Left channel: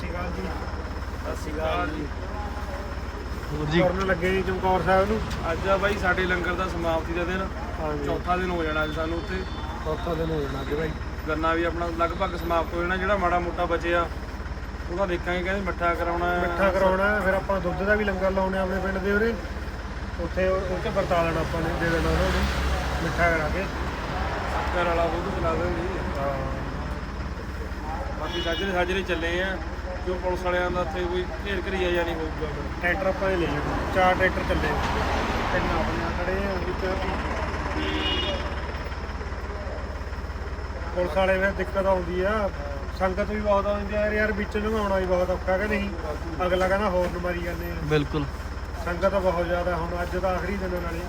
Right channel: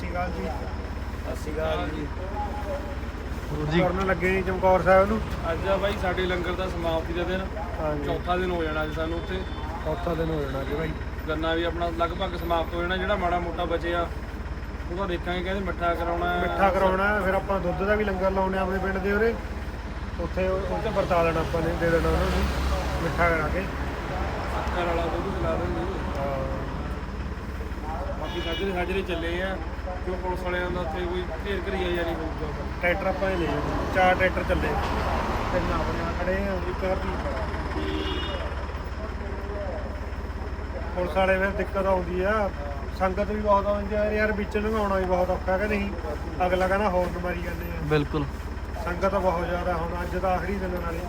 ਸ਼੍ਰੀ ਅਕਾਲ ਜੀ। ਸਤਿ ਸ਼੍ਰੀ ਅਕਾਲ ਜੀ। ਹੋਰ ਜੀ। ਕਰਨ ਲੱਗੇ ਜੀ ਚਮਕੌਰ ਸਾਹਿਬ ਨੂੰ? ਅੱਜ ਆ ਬਾਈ ਸਾਡੇ ਲੰਗਰ ਦਾ ਸਮਾਪਤੀ ਦਾ ਦਿਨ। ਚੌਥਾ ਦਿਨ ਹੋ ਜਾਣਾ ਅੱਜ ਸਾਨੂੰ ਉੱਥੇ। ਚੌਥਾ ਦਿਨ ਹੋ ਜਾਣਾ ਅੱਜ ਭਾਈ ਗੰਨਾ ਵੀ ਆਪਣਾ ਲਗਭਗ ਸਮਾਪਤ ਹੋ ਜਾਣਾ ਜਿਹੜਾ ਮਾੜਾ ਮੋਟਾ ਬਚਿਆ ਉਹਦਾ ਦੇਖਾਂਗੇ ਕਹਿੰਦੇ ਮੱਠਾ ਕਰਾਉਣਾ। ਮਿੱਠਾ ਕਰਾਉਣਾ ਫਿਰ ਆਪਾਂ ਦੁੱਧ ਦਾ ਵੀ ਲੰਗਰ ਲਾਉਣੇ ਆਪਣੇ ਪਿੰਡ ਦੇ ਉਰੇ। ਉੱਥੇ ਉਹ 'ਚ ਵਰਤਾ ਦੇਣਾ ਆਪਾਂ ਨੇ ਦੇ ਦੇਣਾ ਉਹਨਾਂ ਨੂੰ ਮਿੱਠਾ ਕਰਾ ਕੇ। ਸ਼ੱਕਰ ਵਾਲਾ ਉਹ ਵੀ ਖਿਲਾ ਦੇਣਗੇ ਹਾਂ। ਬਾਕੀ ਸਾਜਰੇ ਸਾਜਰੇ ਚੱਲੇ ਆ। ਜੋ ਪੁਲਿਸ ਵਾਲਿਆਂ ਦਾ ਉੱਥੇ ਕੋਈ ਢੇਰ ਘਰੀਆ ਜਾਂ ਨਹੀਂ ਹੋਊਗਾ ਫਿਰ। ਟਰੈਕਟਰ ਆਪਾਂ ਨੇ ਲੈ ਜਾਣਾ ਚਾਰ ਟਰੈਕਟਰ ਚੱਲੇ ਤਿੰਨ ਆਪਣੇ ਆ ਖੜੇ ਆ ਵਿੱਚ ਪੁਲਿਸ ਵਾਲੇ ਫਿਰ ਦਿੱਕਤ ਆਉਂਦੀ ਆ। ਸੰਗਤ ਵੀ ਬਹੁਤ ਆਉਂਦੀ ਆ ਯਾਰ ਵਿੱਚ ਲੰਘਾਉਣਾ ਵੀ ਬਹੁਤ ਔਖਾ ਕਿ ਨਹੀਂ? ਅਗਲਾ ਕਹਿੰਦਾ ਹੋਰ ਮਾਰੀ ਜਾਂਦੇ ਆ। ਬਿਲਕੁਲ। ਸੰਗਤ ਬਹੁਤ ਜ਼ਿਆਦਾ ਹੁਣ ਅੱਜ ਤਾਂ ਆਖਰੀ ਦਿਨ ਨਾਲੇ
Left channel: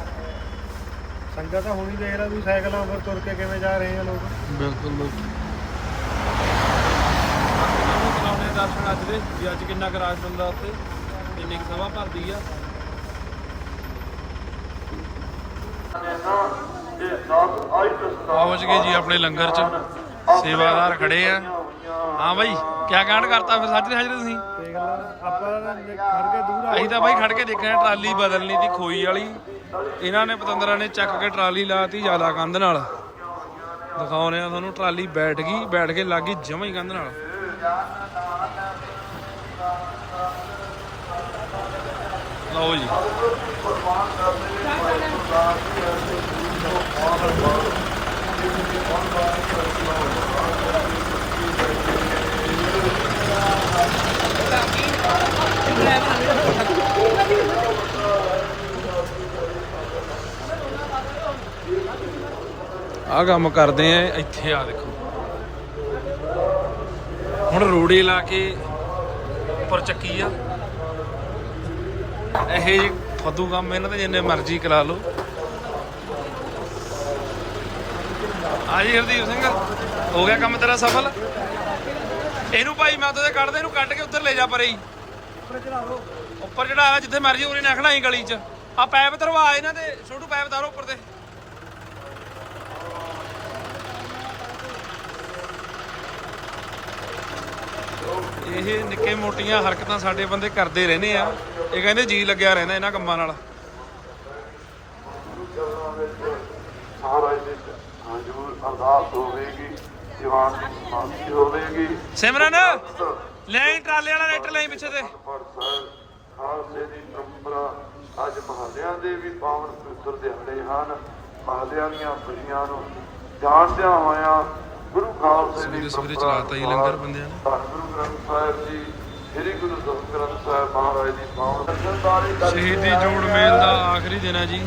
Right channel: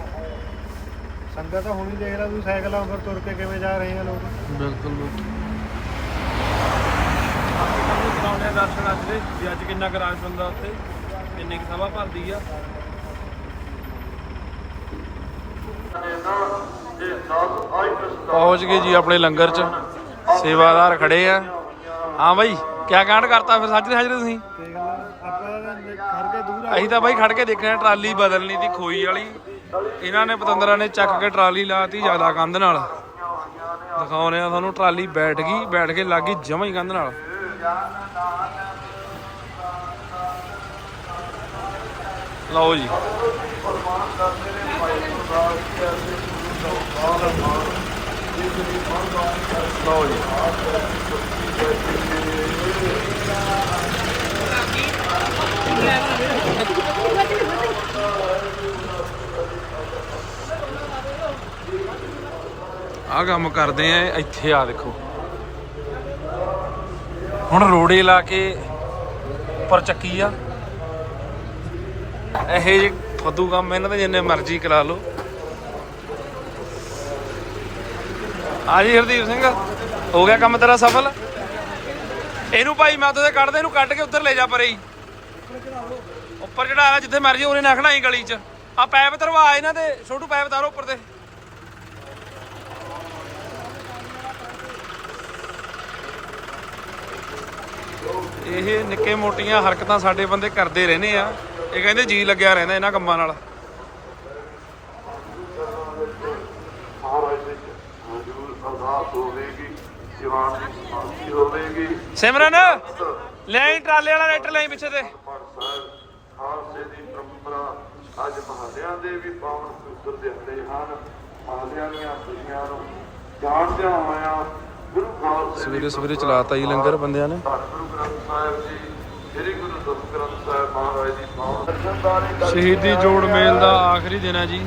ਸੰਗਤ ਤਾਂ ਹੁਣ ਹੀ ਦੇਖ ਲਾ ਤੂੰ ਸਾਈਕਲਾਂ ਉੱਪਰ ਤੁਰ ਕੇ ਕਿਵੇਂ ਜਾ ਰਹੇ ਆ ਲੋਕ। ਬਿਲਕੁਲ ਬਿਲਕੁਲ। ਬਾਕੀ ਤੁਹਾਨੂੰ ਕਰਾਉਂਦੇ ਆ ਦਰਸ਼ਨ ਅੱਜ ਦੇ। ਵੀ ਅੱਜ ਕਿੰਨਾ ਕੁ ਬੰਦਾ ਉੱਥੇ? ਕਿੰਨੀ ਕੁ ਸਭਾ ਭਰਦੀ ਆ? ਪਹੁੰਚ ਗਏ ਜੀ ਆਪਣੇ ਲੰਗਰ 'ਚ। ਸੇਵਾਦਾਰ ਖੜੇ ਆ। ਹਾਂ ਬਾਈ, ਕਿਆ ਕਾਂਡ ਕਰਤਾ ਫਿਰ ਸਾਜਰੇ ਸਾਜਰੇ ਤੁਸੀਂ? ਦੇਖ ਲਾ ਆਪਾਂ ਖੜ ਕੇ ਦੂਰ ਆ ਅਸੀਂ ਤਾਂ ਬਾਈ ਖੜ ਕੇ ਦੇਖਿਆ ਟਰਾਲੀ ਬਦਲਣੀ ਦੀ ਖੋਈ ਵਾਲੀ। ਇਹਨਾਂ ਨੇ ਪਤੰਦਰਾਂ ਨੇ ਚੱਕ ਕੇ ਟਰਾਲੀ ਲਾਤੀ ਜ਼ਿਆਦਾ ਕੰਧ ਨਾਲ। ਦਿਖਾਉਣੇ ਆ ਤੁਹਾਨੂੰ, ਟਰਾਲੀ ਬੈਠ ਗਈ, ਬੈਠ ਕੇ ਲੱਗ ਗਈ ਜਮਾਂ ਹੀ ਕੰਧ ਨਾਲ। ਲਓ ਜੀ। ਲਓ ਜੀ। ਆਹ ਕੰਮ ਕਰਦੇ ਆ ਇੱਥੇ ਆ ਦੇਖੋ। ਹੁਣ ਰੋੜੇ ਲਾ ਕੇ ਉੱਪਰ ਚੱਕੀ ਆ। ਇਹ ਜੇ ਫੱਦੂ ਕੰਮ ਇਹਨਾਂ ਦੇ, ਜਿੰਨੇ ਮਰਜ਼ੀ ਕਰਾ ਲਓ। ਆ ਜੀ ਹਰਦੀਪ ਸਿੰਘ, ਹੋ ਗਿਆ ਕੰਮ ਤੇਰਾ ਸਫਲ? ਇਹਨੂੰ ਭਾਈ ਮੈਂ ਉਹਦੇ ਕੱਢ ਦੇ, ਇਹਨੂੰ ਕੱਢ ਕੇ ਉੱਧਰ ਲੈ ਜਾ ਪਰੇ ਹੀ। ਉੱਪਰ ਚੜਾ ਜਿੱਥੇ ਮਰਜ਼ੀ ਉਹਨੇ ਨਖਣਾ ਹੀ ਗਲੀ 'ਚ। ਆ ਪੈਪ ਤਰਵਾ ਇਹਨਾਂ ਦੇ, ਛੋਟੂ ਪੈਪ ਤਾਰੋ ਉੱਪਰ ਤੇ। ਇਹ ਨਿੱਕੇ ਮੋਟੀਆਂ ਹਰਕਤਾਂ ਸਾਡੇ ਬੰਦੇ ਕਰਦੇ ਰਹਿੰਦੇ ਆ। ਇਹ ਕਹਿੰਦੇ ਜੀ ਲੱਗਿਆ ਰਹਿੰਦਾ ਇਹਨਾਂ ਕੰਮਾਂ ਨਾਲ। ਸਿਮਰਨ, ਲੈ ਟਰਾਲੇ ਵਾਲਾ ਲੈਟਰ, ਲੈ ਪਿੱਛੇ ਤੇ। ਅੱਜ ਮਹਾਲਿਆਂ ਦੇ ਵੀ ਪਾਵਨ ਸੂਤਰ ਦਿੰਦੇ ਹਨ ਮਹਾਲਿਆਂ ਦੀਆਂ ਪਈਆਂ ਨੂੰ ਜਾਣਦਿਆਂ ਹੋਇਆਂ ਸਵੇਰੇ ਸਵੇਰੇ ਚਲਾਤਾ ਜੀ ਲੰਗਰ ਬੰਦਿਆਂ ਨੇ। ਸ਼ਹੀਦੀ ਜੋੜ ਮੇਲ ਦਾ ਆਖਰੀ ਦਿਨ ਹੈ ਜੀ।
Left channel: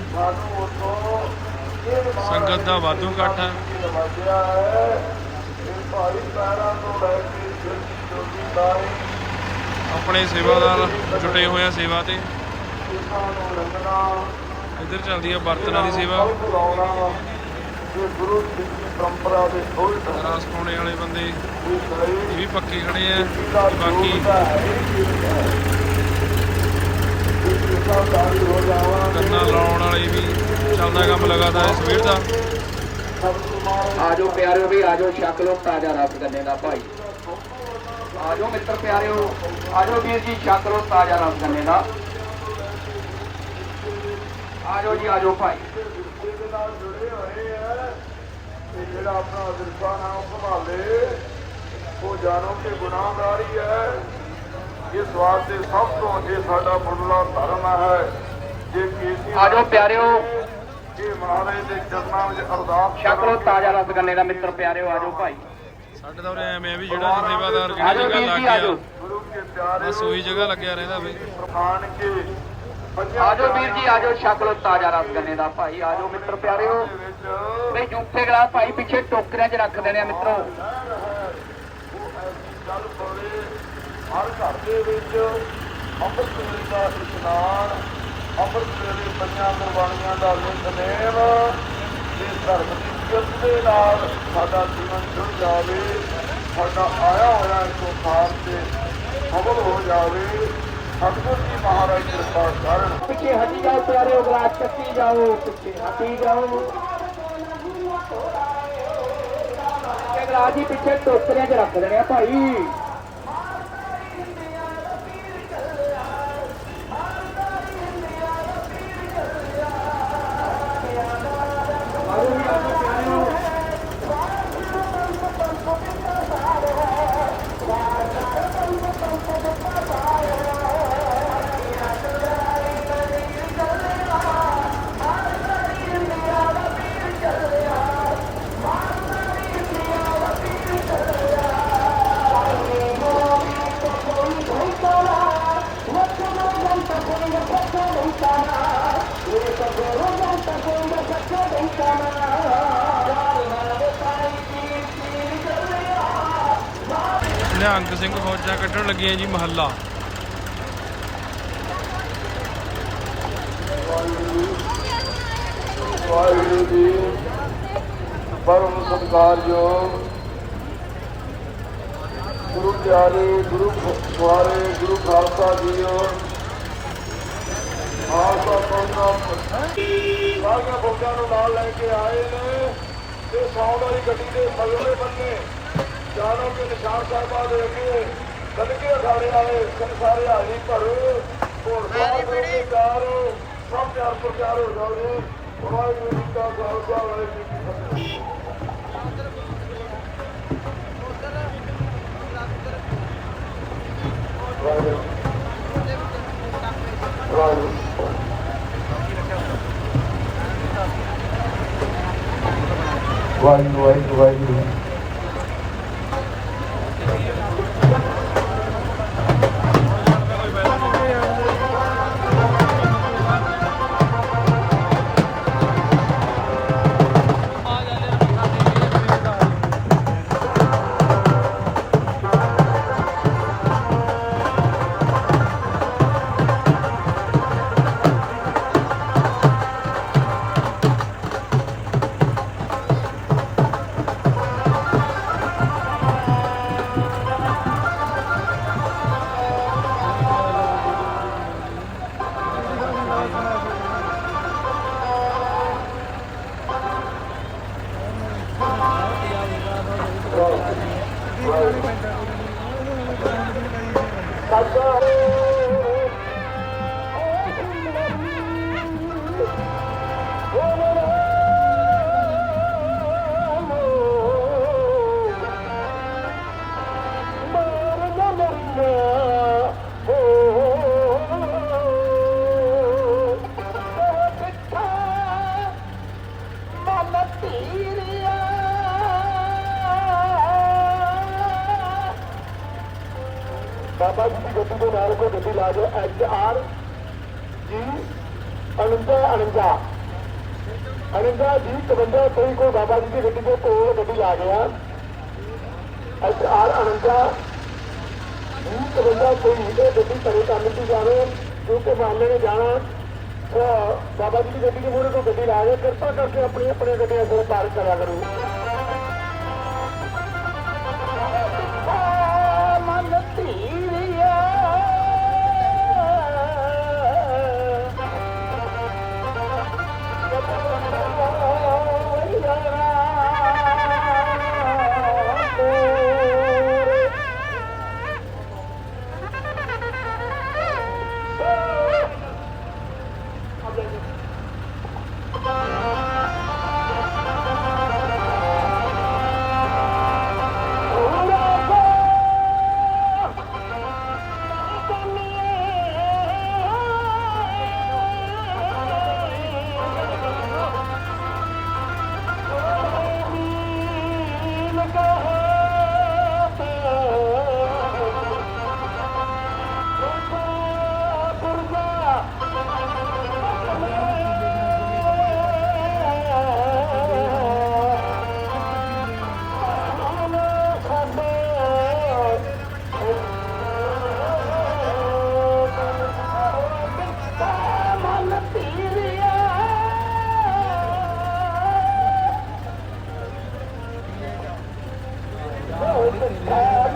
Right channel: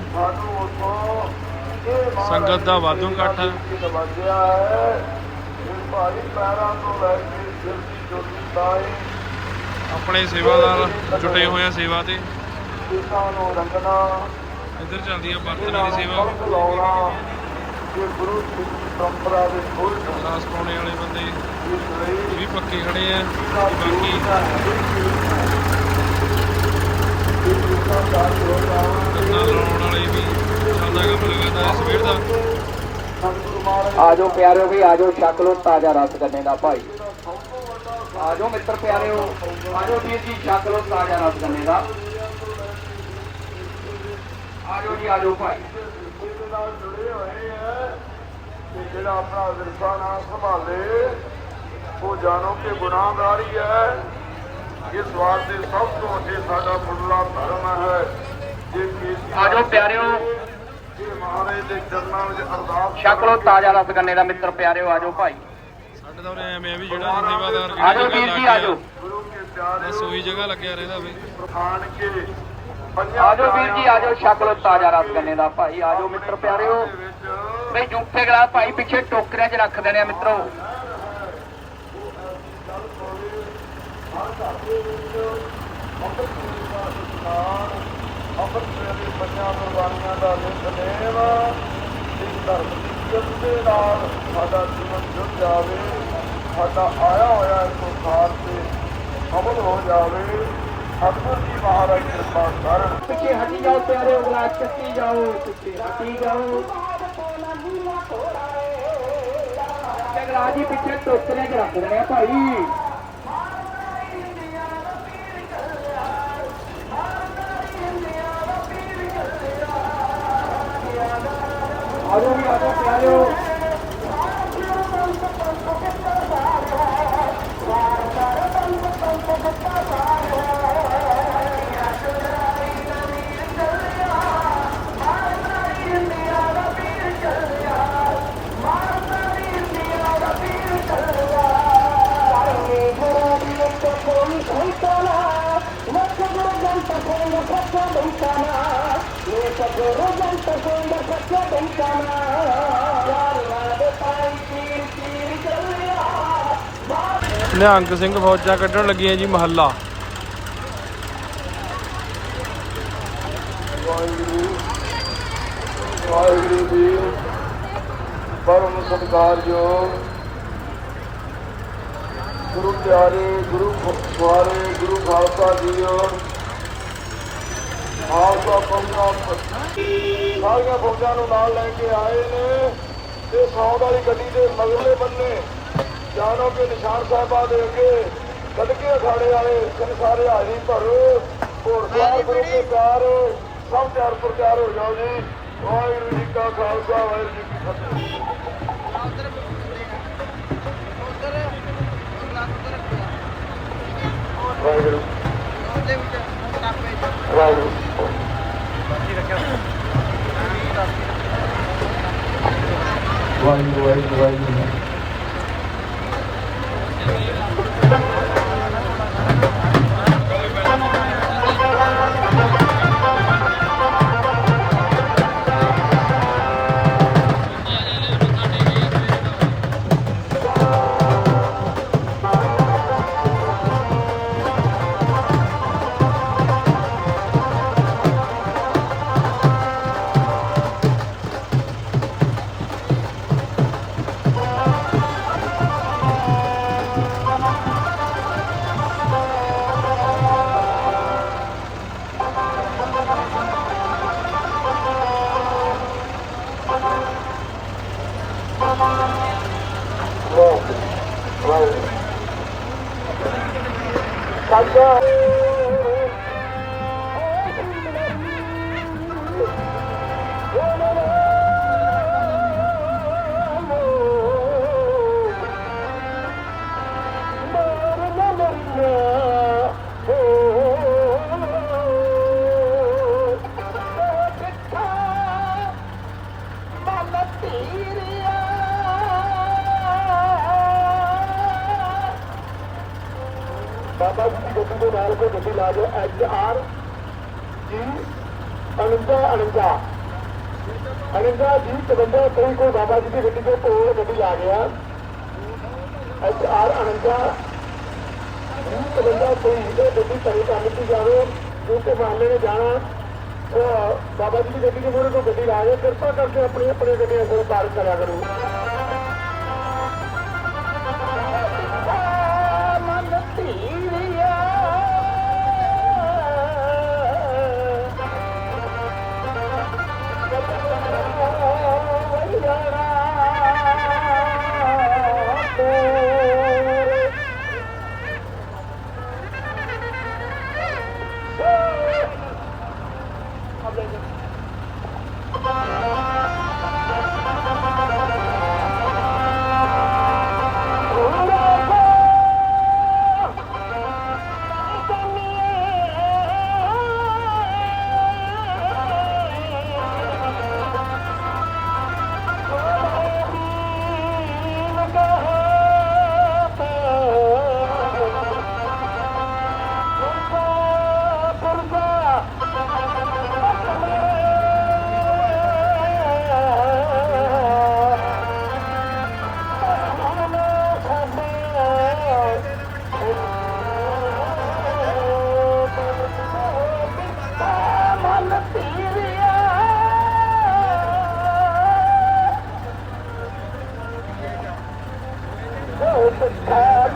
ਸੰਗਤ ਦਾ ਵਾਧੂ ਇਕੱਠ ਹੈ। ਆਪਣੇ ਸੇਵਾਦਾਰ ਜੁਟੇ ਹੋਏ ਆ ਸੇਵਾ ਤੇ। ਸਿੱਖਾਂ ਇੱਧਰ ਚੱਲਦੀ ਆ ਬਰਤਨਾਂ ਦੀ ਸੇਵਾ। ਇਹ ਗੁਰੂ ਸਿੱਖ ਦੀ ਪਰੰਪਰਾ ਦੇ ਉਲਟ ਰਾਸ ਪਾਉਣੇ ਵਾਲੇ ਬੰਦੇ ਇਹ ਇਸ ਲਈ ਵੀ ਪੱਕੇ ਖੜੇ ਆ ਤੇ ਬਾਕੀ ਕੰਨਾਂ ਲਾਉਣ ਵਾਲੇ ਵੀ ਚੱਲਦਾ ਕੰਮ ਲਗਾਤਾਰ ਇਸ ਸਵੇਰ ਦਾ। ਆਜੋ ਪਿਆਰਿਓ ਵੀ ਆਜੋ ਛਕ ਲੋ ਤਾਜ਼ਾ ਰਸ ਗੰਨੇ ਦਾ ਭਾਈ। ਆਜੋ ਮਿੱਤਰ ਪਿਆਰਿਓ ਆਜੋ ਵੀਰ ਜੀ ਛਕ ਲੋ ਤਾਜ਼ਾ ਰਸ ਗੰਨੇ ਦਾ। ਆਜੋ ਜੀ ਆਜੋ ਭਾਈ ਤੇ ਜਿਹੜਾ ਆਪਣਾ ਵਿਰਸਾ ਨਾ ਸੰਭਾਲੇ। ਉਹ ਜਾਣੋ ਕਿ ਗੁਨਾਹਗਾਰ ਹੀ। ਇਸ ਵਾਸਤੇ ਸਭ ਤੋਂ ਅੱਗੇ ਸਾਡਾ ਮੁੱਢਲਾ ਧਰਮ ਹੈ। ਜੇ ਕੀਤੀ ਆਜੋ ਪਿਆਰਿਓ। ਇਹ ਮਹਾਰਾਜ ਦੇ ਚਰਨਾਂ ਵਿੱਚ ਅਰਦਾਸ ਛਕ ਲੋ ਤਾਜ਼ਾ ਰਸ ਗੰਨੇ ਦਾ ਮਿੱਤਰ ਪਿਆਰਿਓ ਆਜੋ ਭਾਈ। ਸਾਡੇ ਤਾਂ ਉਰੇ ਐਵੇਂ ਆ ਵੀ ਜਿਹੜਾ ਜੀ ਸੇਵਾਦਾਰ ਆਜੋ ਜਿਹੜੀ ਵੀਰ ਜਗ੍ਹਾ ਜੀ ਲੱਗ ਆਜੋ ਗਿਆ ਬਸ ਉਹੀ ਜਗ੍ਹਾ ਲੱਗਿਆ ਰਹਿੰਦਾ ਬਈ ਆਜੋ ਵੀਰ ਜੀ ਆਜੋ ਛਕ ਤਾਜ਼ਾ ਰਸ ਗੰਨੇ ਦਾ ਭਾਈ ਆਜੋ ਮਿੱਤਰ ਪਿਆਰਿਓ। ਬਈ ਜੂਠੇ ਗਲਾਸ ਭਾਈ ਪਿੱਛੇ ਟੋਕਰਿਆਂ 'ਚ ਰੱਖ ਦੇਣੇ ਆ ਮਿੱਤਰੋ। ਚੱਲ ਪਵੇ ਹਰ ਘਰ ਦੇ ਵਿੱਚ ਅੰਮ੍ਰਿਤ ਦਾ ਇਸ਼ਨਾਨ ਅੰਮ੍ਰਿਤ ਵੇਲੇ ਪੰਜਾਂ ਕੁਰਬਾਨੀਆਂ ਦਾ ਨਿਤਨੇਮ ਤੇ ਧਰਮ ਦੀ ਇੱਜ਼ਤ ਦੇ ਨਾਲ ਸਾਡਾ ਜੀਵਨ ਜੁੜ ਜਾਵੇ ਸਾਡਾ ਆਇਆ ਹੋਇਆ ਇਸ ਸੰਸਾਰ ਤੇ ਸਫਲ ਹੋ ਜਾਵੇ। ਸਤਿਗੁਰ ਮਹਾਰਾਜ ਕਿਰਪਾ ਕਰਨ। ਪਿੱਛੇ ਹਟੀ ਜਾਓ ਪਿਆਰੇ ਉਗਲਾ ਚੱਕੀ ਜਾਓ, ਪਿੱਛੇ ਹਟੀ ਜਾਓ। ਰਾਜੀ ਪਿੱਛੇ ਟੋਕਰੇ ਚ ਰੱਖ ਦੇਣੇ ਆ ਭਾਈ। ਆਰੋ ਵੀ ਆਜੋ ਪਿਆਰੇ ਨਿਹੰਗ ਸਿੰਘ ਫੌਜਾਂ ਕੱਢਣ ਲੱਗੀਆਂ ਜੀ ਮਹੱਲਾ ਵਾਹਿਗੁਰੂ ਜੀ ਪਰਮ ਸਤਿਕਾਰਯੋਗ ਗੁਰੂ ਪਿਆਰੇ ਗੁਰੂ ਸਵਾਰੇ ਗੁਰੂ ਖਾਲਸਾ ਜੀਓ ਖਾਲਸਾ ਪੰਥ ਸਾਰੀਆਂ ਫੌਜਾਂ ਨੂੰ ਨਾਲ ਲੈ ਕੇ ਆਏ ਨੇ ਤੇ ਸੌਂਦ ਵਾਲੀ ਗੱਡੀ ਦੇ ਮਗਰਲੇ ਬੰਨੇ ਜਾਨੋ ਕੇ ਨਿਸ਼ਾਨ ਸਾਹਿਬਾਂ ਦੇ ਅੱਗੇ ਕੱਢ ਅਖਾੜੇ ਵਾਲੇ ਸਭ ਸਾਰੇ ਹਾਜ਼ਰੀ ਭਰੋ ਹੋਰ ਗੁਰੂ ਦੇ ਪਿਆਰ ਸਭ ਤਿਆਰ ਪ੍ਰਚਾਰ ਹੋ ਜਾਓ ਜੀ ਵਾਹਿਗੁਰੂ ਜੀ ਕਾ ਖਾਲਸਾ, ਵਾਹਿਗੁਰੂ ਜੀ ਕੀ ਫਤਿਹ। ਗੱਡੀ ਲਾ ਦਿਓ, ਐਚ ਆਰ ਜੀ 49 49 49 ਜੀ 52 ਕੋਈ ਕੋਈ ਬਾਬਾ ਜੀ ਦੀ ਗੱਡੀ ਦੇ ਕੋਲ ਗੱਡੀ ਲਾ ਗਿਆ ਐਚ ਆਰ 49 ਜੀ 52 ਕੋਈ ਇਹ ਗੱਡੀ ਕਰੇ ਕੰਮ ਦਿੱਤੀ ਜਾਵੇ ਕਿਉਂਕਿ ਮਾਮਲੇ ਨੇ ਜਾਣਾ। ਬਾਬਾ ਜੀ ਦੀ ਗੱਡੀ ਦੇ ਮੂਹਰੇ ਤੋਂ ਗੱਡੀ ਲਾ ਗਿਆ ਕਿਰਪਾ ਕਰਕੇ ਆਪਣੀ ਆਪਣੀ ਗੱਡੀਆਂ ਸਿਰ ਪਾਰਕ ਕਰਿਆ ਕਰੋ।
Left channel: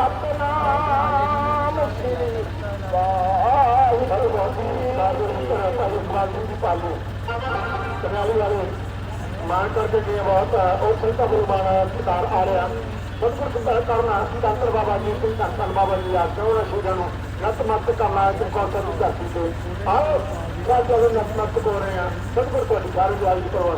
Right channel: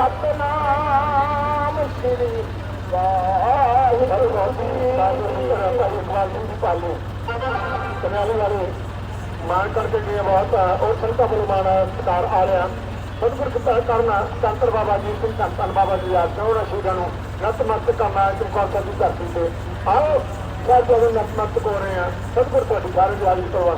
ਸਤਨਾਮ ਸ੍ਰੀ ਵਾਹਿਗੁਰੂ ਜੀ ਵਾਹਿਗੁਰੂ ਵਾਲੇ ਮਾਨ ਕਰਕੇ ਗਏ ਬਹੁਤ, ਉਹ ਸੰਤਾਂ ਵੱਲੋਂ ਮਾਨ ਸਤਿਕਾਰ ਆ ਰਿਹਾ। ਸਤਿਗੁਰ ਕਿਰਪਾ ਕਰਨਾ ਸੰਤਰ ਬਾਬਾ ਜੀ ਸਿੰਘ ਧੰਨ ਬਾਬਾ ਜੀ ਆ ਚੌੜਾ ਸ਼ਹੀਦਾਂ ਨੂੰ। ਨਤਮਸਤਕ ਕਰਨਾ ਚਮਕੌਰ ਦੀ ਧਰਤੀ ਤੇ। ਆਓ ਸਰ ਜਦੋਂ ਨਤਮਸਤਕ ਹੋ ਰਹੇ ਆ ਸਤਿਗੁਰ ਤੁਹਾਡੀ ਸਾਰੇ ਦਿਆਲੀ ਕਰਵਾ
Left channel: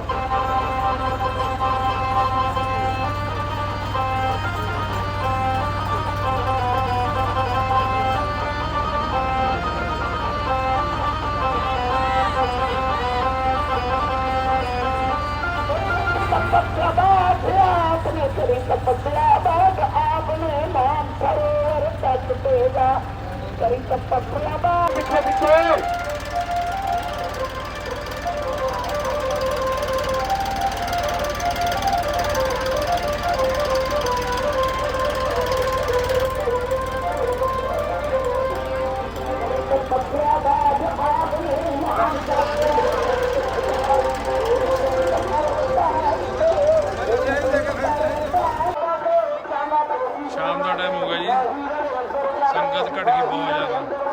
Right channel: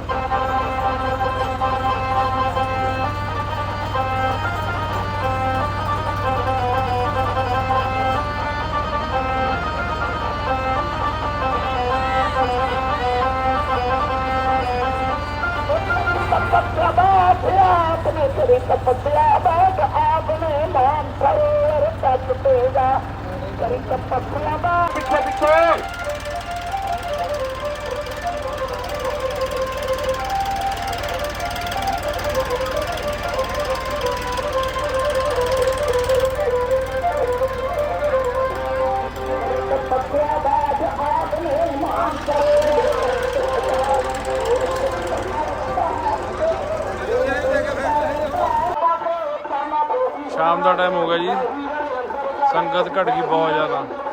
ਤਪੱਸਿਆ ਬਾਤ ਆਪਨੇ ਕਰੀ ਤਪੱਸਿਆ ਬਾਤ ਆਪਨੇ ਨਾਮ ਸਰੋਵਰ ਤੱਕ ਤੇਗਾ ਕਰੀ ਤਪੱਸਿਆ ਬਾਤ ਪਿੱਛੇ ਦਾ ਟਾਈਮ ਹੋ ਗਿਆ ਜੀ। ਸੰਗਤ ਘਟ ਗਈ ਬਹੁਤ ਜ਼ਿਆਦਾ। ਗੁਰੂ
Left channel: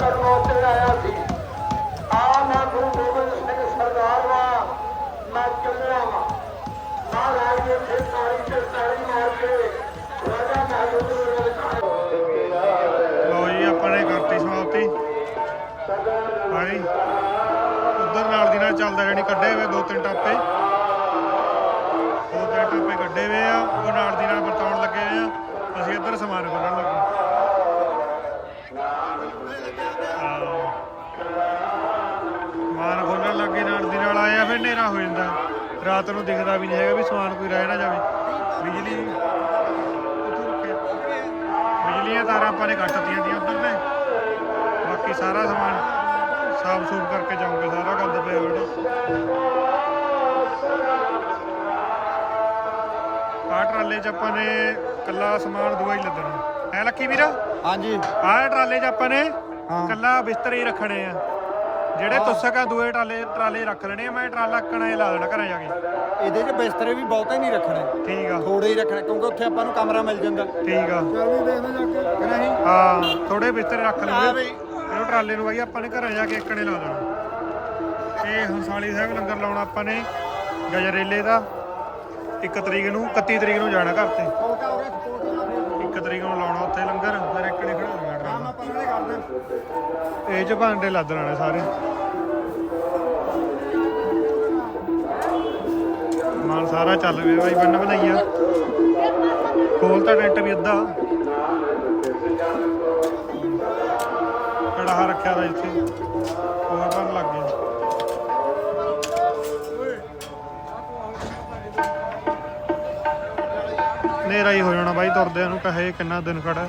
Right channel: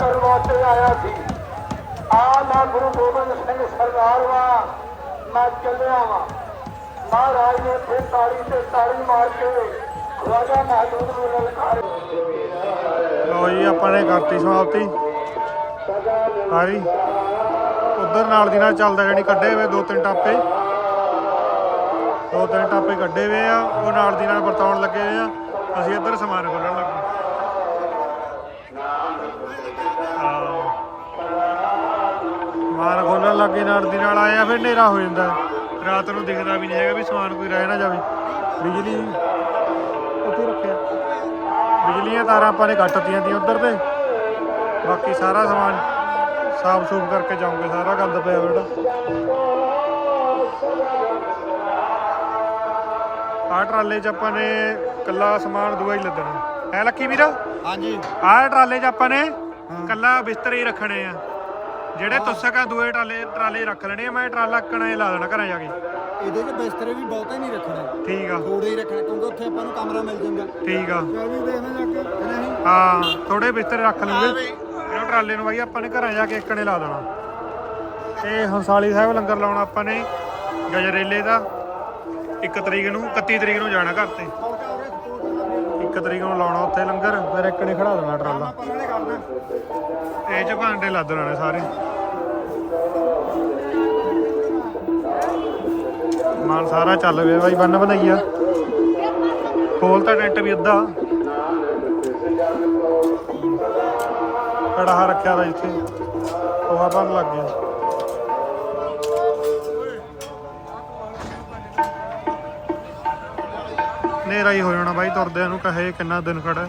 ਕਰਨ ਵਾਸਤੇ ਆਇਆ ਸੀ ਆ ਮੈਂ ਗੁਰੂ ਗੋਬਿੰਦ ਸਿੰਘ ਸਰਦਾਰ ਵਾ ਮੈਂ ਚੱਲਿਆ ਵਾਂ ਮਹਾਰਾਜ ਨੇ ਫਿਰ ਤਾੜੀ ਤੇ ਤਾੜੀ ਮਾਰ ਕੇ ਰਾਜਾ ਨਾਗੁਰ ਨੂੰ ਲਲਕਾਰ ਲਓ ਜੀ, ਆਪਾਂ ਨੇ ਕਰਤੀ ਸਮਾਪਤੀ। ਹਾਰੀ ਉਧਰ ਨਾਲ ਦੀ ਨਾਲ ਚੱਲਦਾ ਜਾਨੀ ਕੱਢੇ ਹੋਏ, ਦੋ ਤਿੰਨ ਟਾਪੇ। ਦੋ ਤਿੰਨ ਟਾਪੇ ਕੱਢੇ ਹੋਏ ਆ, ਉਹ ਨਾਲ ਦੀ ਨਾਲ ਵਰਤਾਉਣ ਲੱਗੇ ਹੋਏ ਆ। ਅਸੀਂ ਇੱਧਰ ਸਮਾਨ ਖੋਲਣ ਲੱਗੇ। ਸਮਾਨ ਖੋਲਣ ਲੱਗੇ ਨਾਲ ਦੀ ਨਾਲ ਆਇਆ ਫਿਰ ਹਨੇਰਾ ਹੋ ਜਾਂਦਾ। ਰਾਤ ਨੂੰ ਦਿਖਦਾ ਵੀ ਨਹੀਂ ਹੈਗਾ ਵੀ ਸਮਾਨ ਕੋਈ ਰਹਿ ਨਾ ਜਾਵੇ। ਬਿਜਲੀ ਉੱਥੇ ਰੱਖਿਆ। ਬਿਜਲੀਆਂ ਤਾਰਾਂ ਆਪਾਂ ਨੇ ਕੱਟਤੀਆਂ ਦੀਆਂ ਉਧਰ ਤੇ। ਬਾਕੀ ਸਾਰਾ ਸਮਾਨ ਸਾਫ਼ ਸੂਫ ਕਰਕੇ ਜਾਉਂਗੇ ਸਾਰਾ ਗੰਦ ਪਿਆ ਬੇਟਾ ਆਹ ਟਰਾਲੇ 'ਚ ਆਪਾਂ ਨੇ ਕੱਲਾ ਸਮਾਨ ਦਵਾਈ ਲੱਦਣਾ। ਹੈ ਲੱਕੀ ਵੀਰ? ਹਾਂਜੀ। ਆਹ ਟਰਾਲੇ 'ਚ ਆਪਾਂ ਨੇ ਕੱਲਾ ਬਿਸਤਰੇ ਹੀ ਰੱਖਣੇ ਆ। ਜਿਹੜੇ ਤੁਸਕ ਆ ਦੂਏ ਟਰਾਲੇ ਟਰਾਲੇ ਰੱਖ ਲੈਣੇ ਆ ਮੈਂ ਟਰਾਲਾ ਕਣਾ ਲਾ ਦੇਣਾ ਘਰਾਂ ਜਾ ਕੇ। ਇਹਦੇ 'ਚ ਬਿਸਤਰੇ ਵੀ ਬਹੁਤੇ ਨਹੀਂ ਰੱਖਣੇ। ਠੀਕ ਆ। ਥੋੜੇ ਹੀ ਰੱਖਣੇ ਕਿਉਂਕਿ ਉੱਥੇ ਆਪਾਂ ਨੂੰ ਕਮਰਾ ਮਿਲ ਜਾਂਦਾ। ਠੀਕ ਆ। ਚੱਲ ਵੀ ਦੇਖਦੇ ਜਾ ਕੇ ਕਿ ਨਹੀਂ? ਹਾਂ ਥੋੜੇ ਬਿਸਤਰੇ ਰੱਖ ਲੂਗੇ। ਇਹਨੂੰ ਟਰਾਲੇ ਨੂੰ ਬਾਈ ਆਪਾਂ ਨੇ ਘਰਾਂ ਜਾ ਕੇ ਇੱਕਣੇ ਲਾ ਦੇਣਾ। ਇਹ ਹੰਸਾਲੀ ਸਾਹਿਬ ਲੰਗਰ ਲਾਉਣਾ ਆਪਾਂ ਨੇ ਗਜਰੇਲੇ ਦਾ। 1 ਤਰੀਕ ਨੂੰ 31 ਤਰੀਕ ਨੂੰ ਜਾਣਾ ਘਰ ਤੇ। 1 ਤਰੀਕ ਨੂੰ ਲਾਉਣਾ ਉੱਥੇ ਲੰਗਰ, ਫਿਰ ਇੱਕਣੇ ਖੜਾ ਦੇਣਾ ਟਰਾਲਾ। ਪਰਲੇ ਕਰਦੇ ਇਹ ਚ ਭਾਂਡੇ ਲੱਦ ਲੈਣੇ ਸਾਰੇ। ਮਾਲ ਸਾਰਾ ਚੱਲ ਪਿਆ ਬਾਈ, ਬੰਨ ਬਣਾਈਆ ਖੋਲ ਤਾਂ ਟੈਂਟ ਵੀ ਅੱਧਾ। ਕੜਾਹਾ ਰੱਖਿਆ ਦਾ ਇੱਥੇ। ਕੋਹਾ ਬਣ ਲੱਗ ਗਿਆ। ਹਨੇਰਾ ਹੀ ਹੋ ਜਾਣਾ ਬਾਈ, ਤੁਰਦਿਆਂ ਨੂੰ ਕਹੇ ਕਿੰਨਾ ਦਿਨ ਖੜਾ ਹੈ।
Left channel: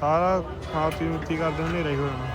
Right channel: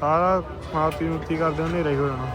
ਸਾਰਾ ਖਾਤੀ ਮੁੱਤੀ ਕਰਦੇ ਹਨੇਰਾ ਹੀ ਹੋ ਜਾਣਾ